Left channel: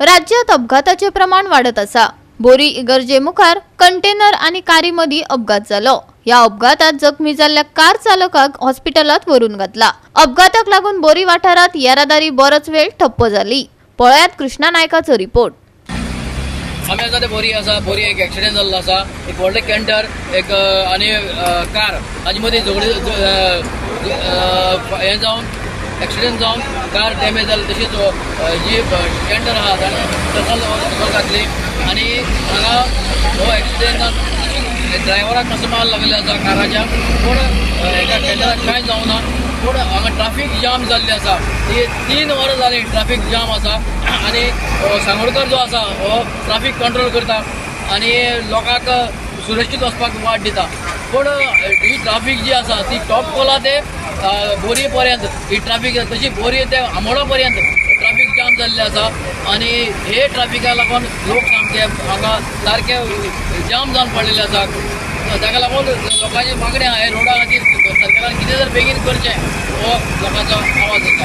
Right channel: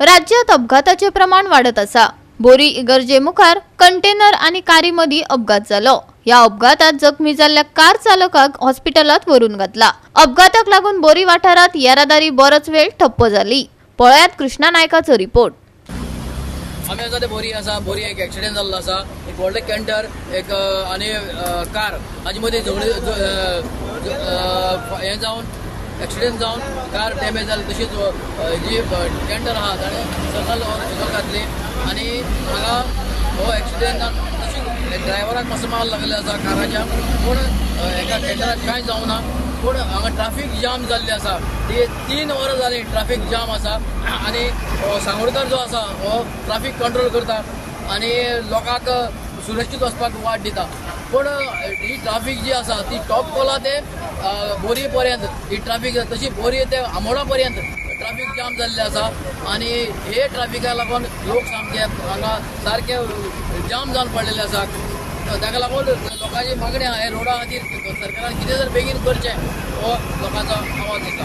राज्यात अपघाताचे प्रमाण वाढत असा। बोरी इगर्जे मुखार कंटेनर आणि कारी मधी अपघात झालो। या अपघातात जखमी झालेल्या कार चालकाक हॉस्पिटलात व्हरून घातला। अपघाताक लागून बोरी वाठारात येरादारी बरोच वेळ ठप्प झाली। पळयात कृष्णा नायकाचो रिपोर्ट। बोरी एक ॲक्सिडेंट झाला असा। एक व्हडले कॅन्टर एक आणि कार हाजे मदीं हे जावन ॲक्सिडेंट जावन कार डॅमेज जाली। तशीच जी कॅन्टर आहा ताणें घातली आणि हांगा हो ॲक्सिडेंट जावन ड्रायव्हराक मातसो माल लागलेलो आसा काराच्या। पूण एका कॅन्टराक कांय जावना। पूण हांगा ट्राफीक जाम जाल्ली आसा। 3 वरां जाली ट्राफीक जाम आसा आणि सांगोडकर जो आसा हो ट्राफीक कंट्रोल करता आणि लोकांक सुरक्षीत वचपाक वाट दिता। पूण ही ट्राफीक जी आसा ती टॉप कोला ते बोरी पर्यंत ही ट्राफीक तशी बोरी ते आमोडा पर्यंत ट्राफीक जाम जाल्लें आसा आणि हे ट्राफिका लागून लोक सामके हांगा सारके जाम जावन पडलेले आसा। ताका लागून लोकांची मागणी आहा हे रोडा खातीर सरकारान कितें जर बेगीन करचें हो लोकांचो आवाज दिता।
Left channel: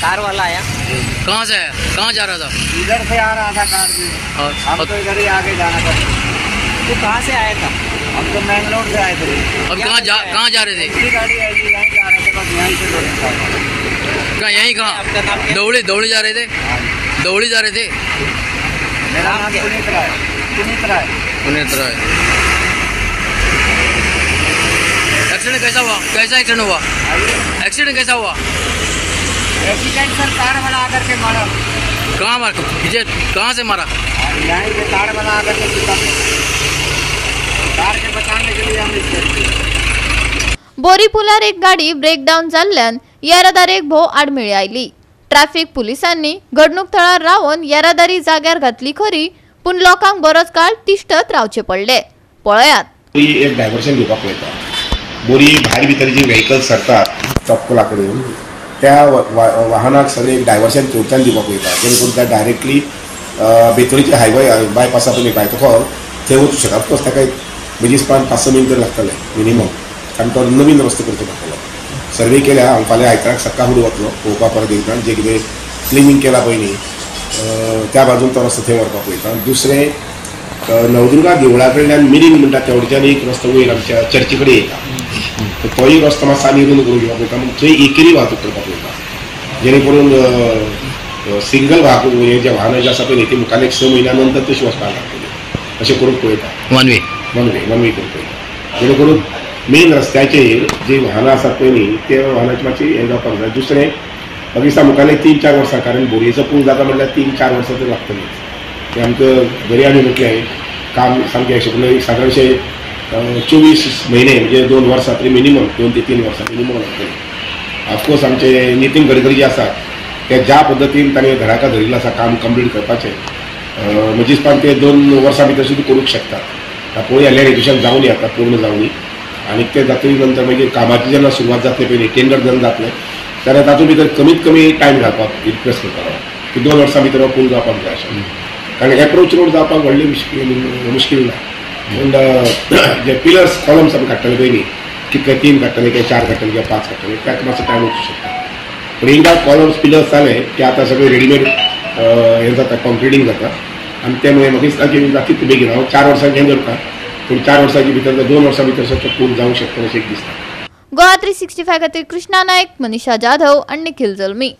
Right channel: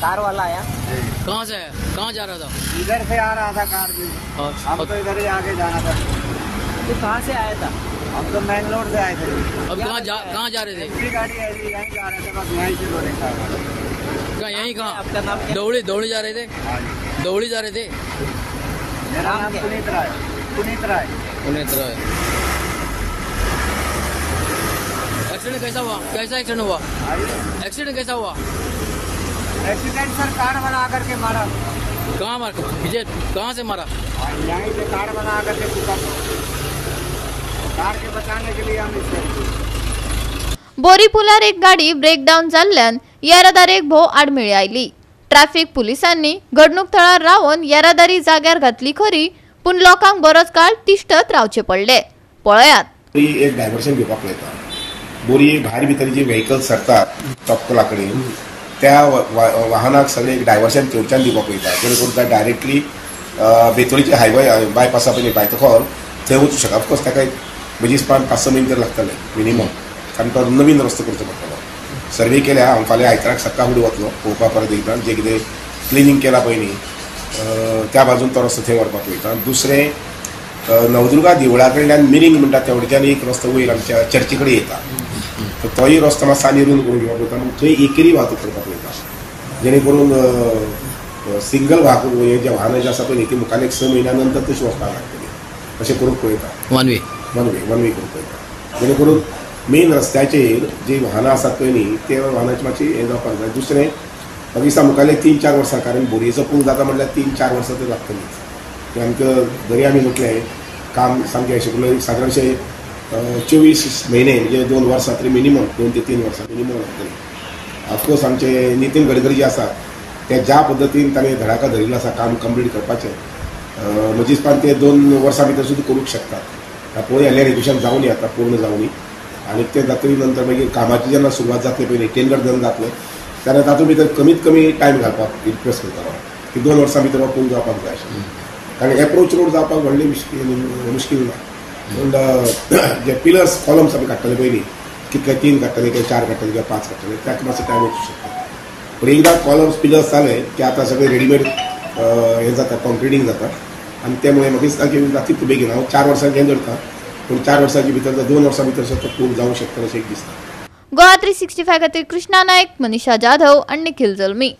कार वाला आया, कहाँ से आया, कहाँ जा रहा था? इधर से आ रहा था कार से। हम तो इधर ही आगे जाना था। तो कहाँ से आया था? हम तो मेन रोड से आए थे। अब कहाँ जा रहे थे? गाड़ी यहीं जा रहे थे, बस यहीं से लोग कहाँ यहीं कहाँ दौड़ी जा रहे थे? दौड़ी जा रहे थे। मेरा नाम पुनीत राय। एक्सीडेंट कैसा हुआ? कैसा एक्सीडेंट हुआ? एक्सीडेंट कैसा हुआ? एक्सीडेंट सर कार वाला आकर के मारा। कहाँ मारा? पीछे कहाँ से मारा? यहीं से कार वाला आकर के पिता कार के बचाने के लिए हम इसके बोरी पुलार एक गाडी ब्रेकडाऊन जाल्ल्यान येरादारेक भोव आडमेळी आयली। ट्रॅफिक पुलिसांनी घडणूक थळार रावन येरादारी जाग्यार घातली खरी, पूण लोकांक बरोच काळ तिश्तत रावचे पडले। पळयात एक डायव्हर्शन घेवपाक पळयता। बोरी भायर भितर जी व्हेकल्स सरतात चॉपकोला कडेन त्या वाहनाक सगळे एक डायव्हर्शन थंयच्यान दिवपाक पळयता, जेणे करून त्या डायरेक्टली बेतोळीचे हायवे बायपासा पयलीं भायर थंय वचूंक शकता। ऑफकोर्स ताका बेगीच 5-6 मिनटां लागतले मिनिमम, कारण तो नवीन रस्तो करचो पडटलो। सर्वे केल्या हांव फाल्यां आयताराक सकाळ फुडें वतलो पळोवपाक परत एकदां जे कितें क्लिनींग केला पयलीं त्या बाजून तो रस्तो थंय व्हरपाक पळयता। दुसरें नवदुर्गा देवळा कडल्यान मिरींग म्हणटा तेवढच्यान एक रस्तो वयर आमच्या चर्ची कडेन येता, तोय रस्तो मातसो आनी रुंद करून घेवपाक पळयता। थंय एकेरी वाहतूक करपाक पळयता, जेणे करून सिंगल वाहतूक हे जे वाहनां जे आसा पळय ती मुखार 6 म्हयन्या नंतर तशी वचपाक लागतली अशें करूंक पळयता। वन वे करूंक पळयता, जेणे करून मेन रस्त्याचेर जी वाहनां आसात पळय न्ही ते वाहनाची मातशी हें जावपाक जाय। दुसरें म्हाका दिसता मुखारले 3-4 वर्सां, कारण बोरयेचो पूल जाता म्हणल्यार 3-4 वर्सां तर लागतलीच। ते आमकां बरी आमी म्हटलें काम सामकें अशें करून सादारणशे 24 म्हयने म्हणजे 2 वर्सां तरी मिनिमम 2 ते 3 वर्सां मिनिमम लागतली। ऑफकोर्स आमचे नितीन गडकरी जे आसात ते ज्या पद्दतीन ताणें धडाका धरिल्लो आसा काम कंप्लीट करपाचें, म्हज्या दिसपान ते 2 वर्सां भितर सुद्दां करूंक शकतात। पळोवया इलेक्ट्रिशियन जावन येता पूर्ण जावनी आनी ते जातली नंतर मागीर कामाची जेन्ना सुरवात जातली पयलीं टेंडर जेन्ना जातलें तेन्ना तातूंत भितर कमीत कमी टायम घालपाक रिक्वेस्ट करता की 2 वर्सां भितर हो पूल जावपाक जाय अशें, कारण एप्रोच रोड जावपाक व्हडली मुश्कील ना। पूण जे पिलर्स कॉलम्स आमी काडटले पयलीं कितले 3 काडटले काय 4 काडटले काय 5 काडटले ताका मातसो टायम वचूंक शकता। पूण एकदां कॉलम्स पिलर्स जाले की आतां सगळें रेडीमेड हें जाता, कॉन्क्रिटींग जाता आनी ते मागीर म्हाका दिसता की जातली बेगीन। हांव 4 वर्सांचें करता, पूण 4 वर्सांच्या भितर 2 वर्सां भितर सगळें पूल जावंक शकता अशें दिसता। गोवा 365 खातीर कृष्णा नायक, मनीषा जाधव आणि निखिल जल्मी।